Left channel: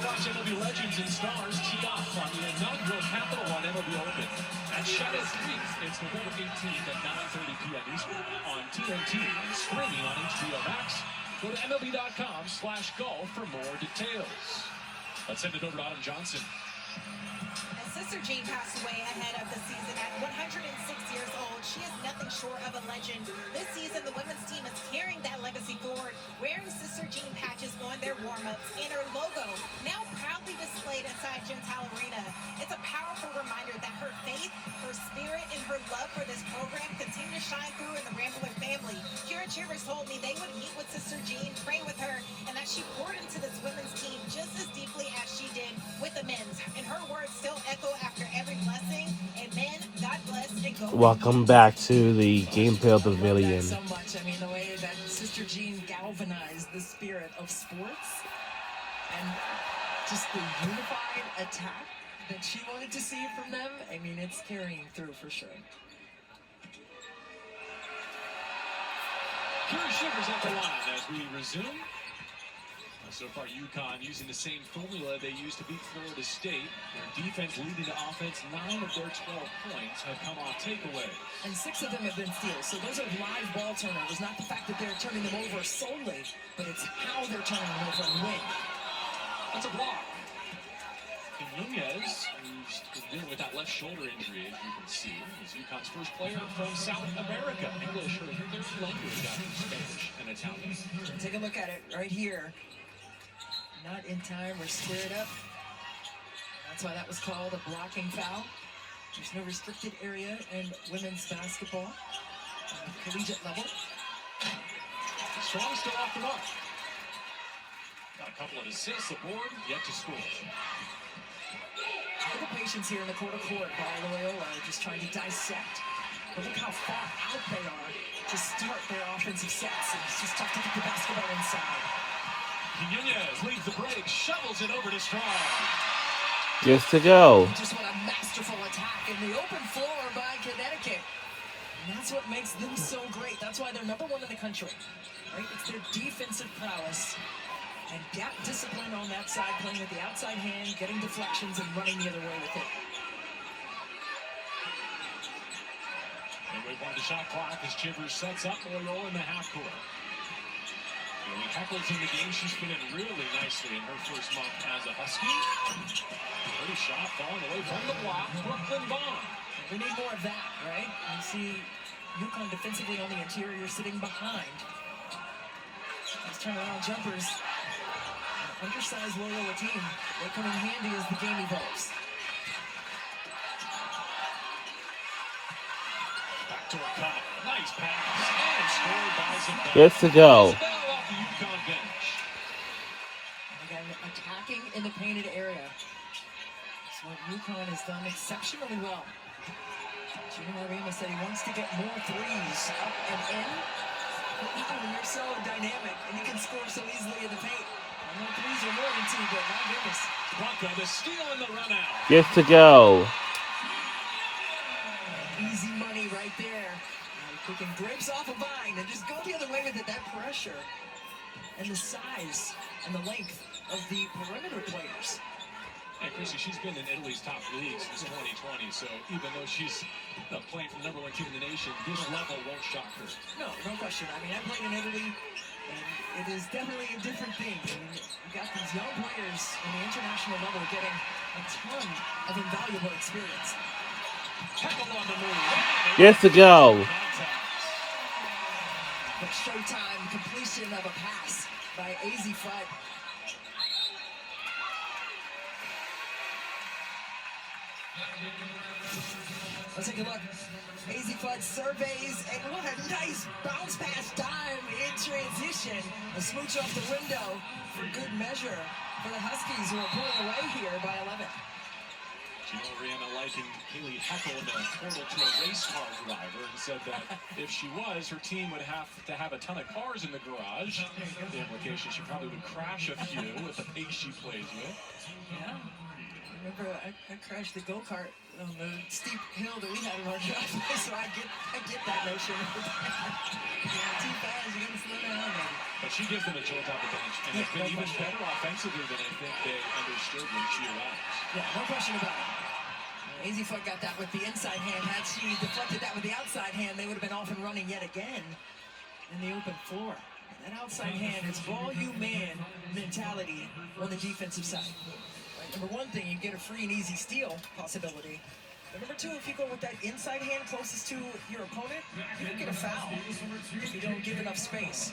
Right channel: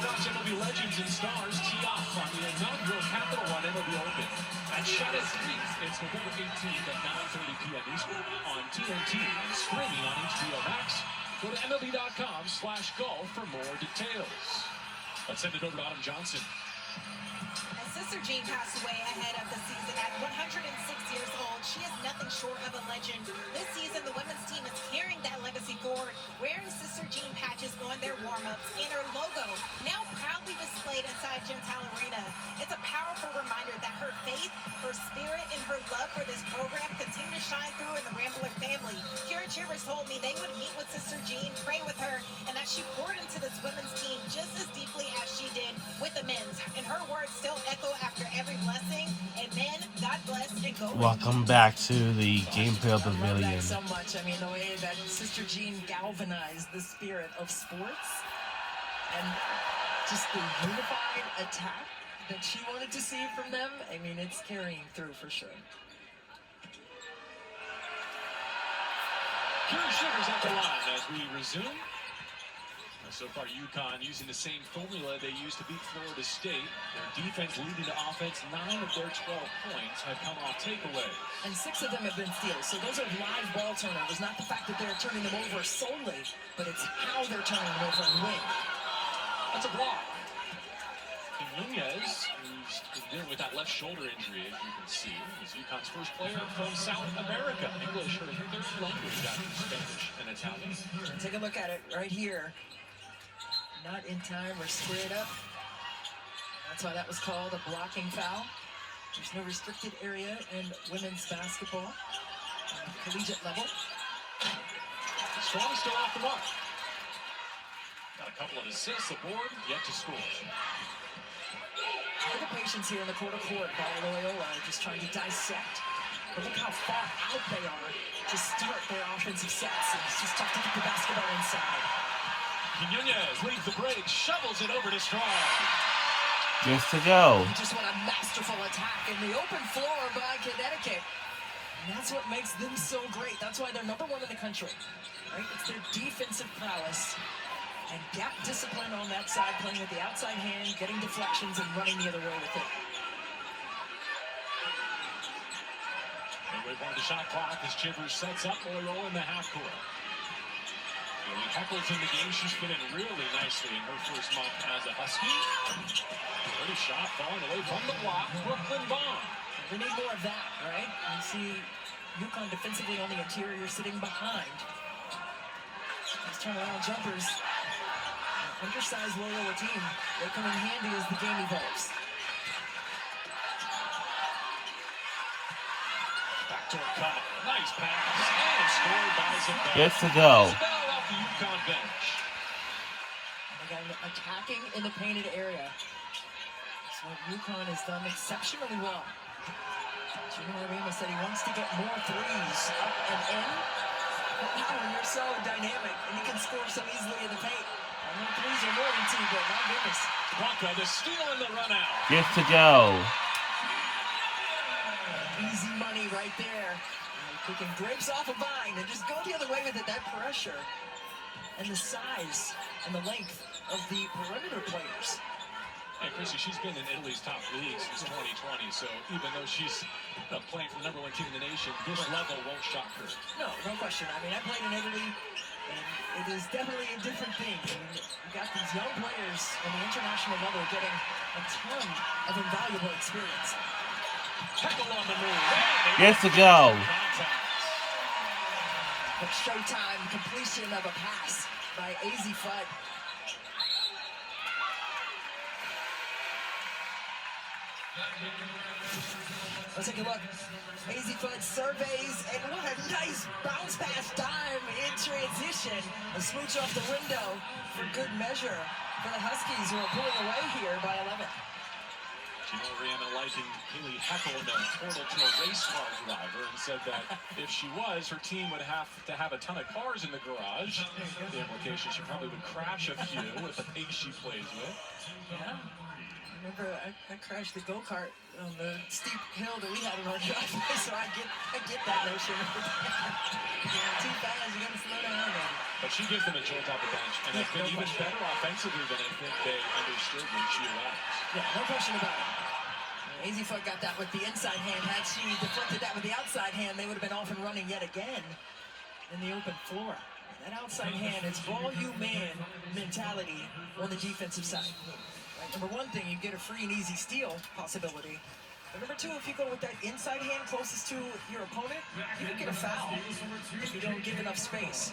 watch MLB legends and stars tee off on the inaugural Capital One MLB Open at Shadow Street. It's November 18th at 9:30 p.m. Eastern on TNT, streaming on HBO Max. Go to MLB.com/golf for more details. Let's send it over to Autumn Johnson. As Sister Jean passed away ahead of the season at 106 years old, she is nothing short of a legend. This season, the women's team is carrying that legacy forward, wearing Sister Jean patches on their warm-ups and her logo, now proudly displayed inside Gentile Arena. It's a powerful reminder that her faith, her spirit, and her love for this program continue to shine through in the Rambler family. Kira Chivers told me they would meet with Sister Jean, pray with her, and that she poured into this women's team just as deeply as she did with the men's. And her words still echo after every blessing. Amen. God bless and go. Welcome back to the Gamefield Pavilion. I love that so much. I mean, the way that Sister Jean galvanized the spirit of sports and just the unified attack that she wanted to see from them. I mean, it's carrying through for sure. Kira Chivers at the line as we resume. So far, UConn using the same formula they used to beat Florida State. Their defense leading to offense. 9 of their 12 points have come off takeaway. And 6 of them have been steals. So those are live ball turnovers. Not the fact that they're turning them over solely, but it's how they're turning them over and when. That's a block. And Nunez, who's been dealing with that left shoulder injury, as you can see, is UConn's first player from South America. English are their third language after Spanish and Italian. Take a look at it right here. Not in time or squared up. That's why that was called a blocking foul. There's no restricted area in women's basketball collegiate level. Strong still off the mark. Got a couple of assists aboard, yet to score. Look at the patience here in the quarter court by Loyola, just trying to dissect. But look how far out they are to start their offensive sets. It's just tough to get the basketball inside. Nunez leads the break, shovels it over to Strong. Just to go. Just what a masterful attack in the open floor by Connecticut. And that's what makes them so great. That's why they're number 1 in the country. Right? It's their defensive prowess and gap discipline on that side, playing with the outside hand, getting deflections, and running the other way with it. And we've won the shot clock as Chivers sets up Loyola in the half court. When Heckle's in the game, she's fit in really nicely in her first month as a Husky. Pretty shot falling away from the block. Brooklyn Bond. We need more of that, right? You see UConn defensively on the interior sitting behind. These turnaround jumpers. An undersized Loyola team. They come in handy as the game evolves. Backdoor cut. Nice pass. And scored by Zabel. Just to go. The UConn bench. Again, attacking in the painted area. That's what UConn has done exceptionally well. Gino Ramos said he wants to get more threes up and in. But even when you're so dynamic and you can score so easily in the paint, I mean, threes are more than 2, but my goodness. Blanca, the steal and the run out. Just to go. Easy money right there. Picking grapes off a vine and just go the other way with it. That pressure and the size and the length of the perimeter players. Hey, Chrissy, she's been in Italy's top league since 2020, so even though she's playing for the #1 team in the nation, this level won't shock her. No question. I mean, I played in Italy, and it is definitely a different thing. I mean, you got these young players on the international level getting a ton of invaluable experience. Heckle on the move. Just to go. But Showtime completion of a pass by Azzi Fudd. Let's take a look. Azzi Fudd surveys, and what a nice bounce pass dime in transition. A smooch off the window for good measure for the Huskies, who are pulling away here by 11. Gino Rihanna likened Haley Heckle in the portal to a race car driver and said that if she was, her team would have to have a ton of cars in the garage. The implication, she probably would crash a few with the pace she plays with. Yeah. Remember, I crashed the go-kart on the steep hill that we had in our driveway, so I get that notion. Too fast, you gotta slow down, maybe. But she gives them a jolt off the bench, and has been even better offensively than I think they understood when she arrived. Yeah, no question about it. Easy Foot got that with the inside hand. Had she deflected that with the outside hand, they would have been off and running yet again in the open floor. That outside hand is volume man mentality on the defensive side. Right, number one thing, you get a free and easy steal possibility. But number two, if you go with that inside hand closest to your opponent, you can get a foul if you don't give enough space.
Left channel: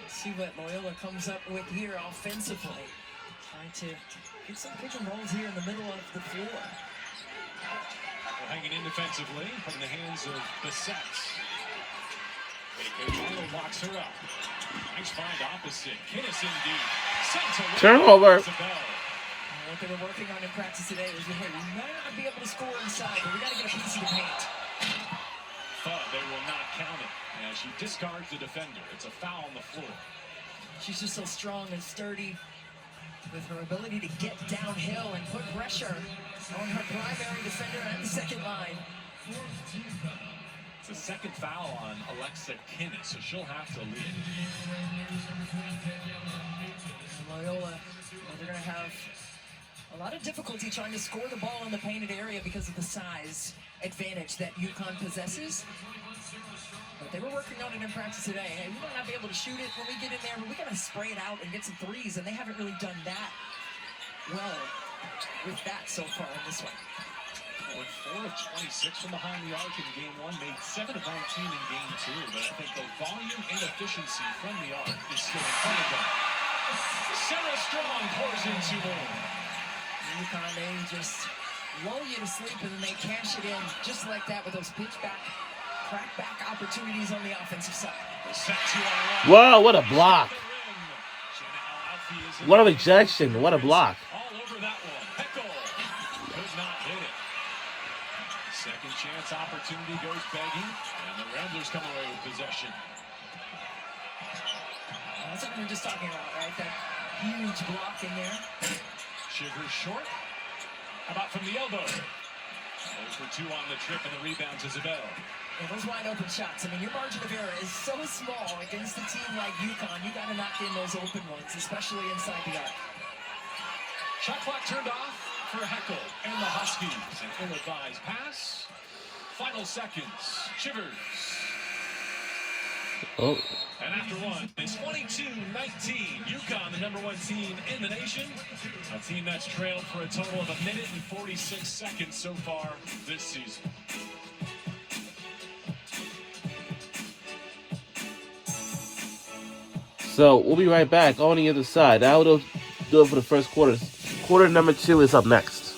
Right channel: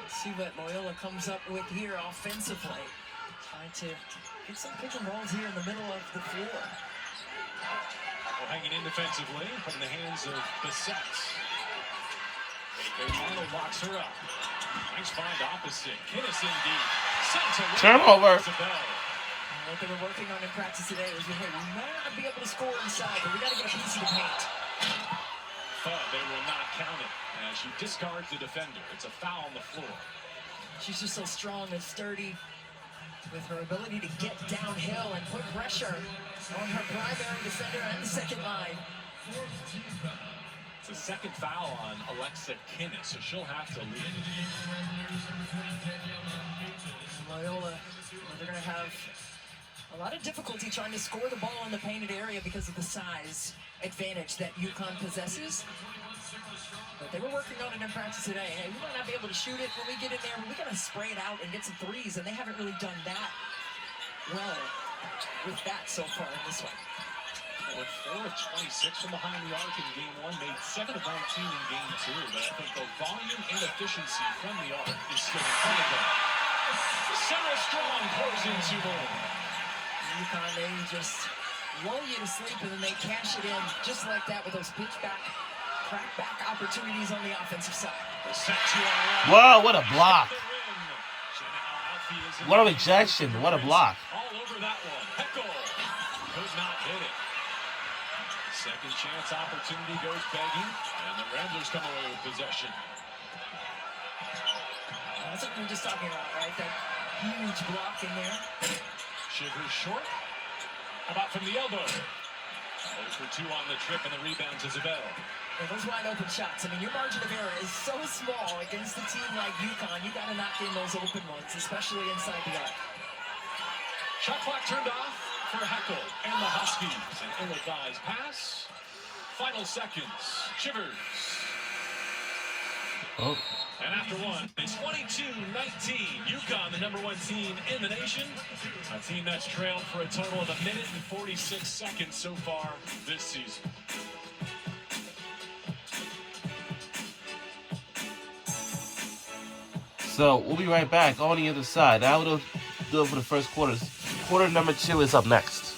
Let's see what Loyola comes up with here offensively. Trying to get some pick and rolls here in the middle of the floor. Well, hanging in defensively, put in the hands of Bissett. Arnold locks her up. Nice find opposite. Kinnison deep. Turnover. What they were working on in practice today was, hey, we might not be able to score inside, but we got to get a piece of the paint. But they will not count it as she discards the defender. It's a foul on the floor. She's just so strong and sturdy with her ability to get downhill and put pressure on her primary defender and the second line. It's the second foul on Alexa Kinnis, so she'll have to lead. Loyola, they're going to have a lot of difficulty trying to score the ball in the painted area because of the size advantage that UConn possesses. But they were working on it in practice today. Hey, we might not be able to shoot it when we get in there, but we got to spray it out and get some threes, and they haven't really done that well with that so far in this one. With 4 of 26 from behind the arc in game 1, made 7 of 19 in game 2, but I think the volume and efficiency from the arc is still in front of them. Sarah Strong pours into more. UConn, they just lull you to sleep, and then they cash it in just like that with those pitch back, crack back opportunities on the offensive side. Wow, what a block. What a rejection. What a block. All over that one. Heckel could not hit it. Second chance opportunity goes begging, and the Ramblers come away with possession. That's what we were just talking about, right? That huge block in there. Shivers short. How about from the elbow? 0 for 2 on the trip, and the rebound to Zabel. Yeah, those wide open shots. I mean, your margin of error is so small against a team like UConn. You got to knock in those open ones, especially inside the arc. Shot clock turned off for Heckel and the Huskies. An ill-advised pass. Final seconds. Shivers. Oh. And after one, it's 22-19. UConn, the number 1 team in the nation. A team that's trailed for a total of 1 minute and 46 seconds so far this season. So we'll be right back on the other side. That'll do it for the first quarter. Quarter number 2 is up next.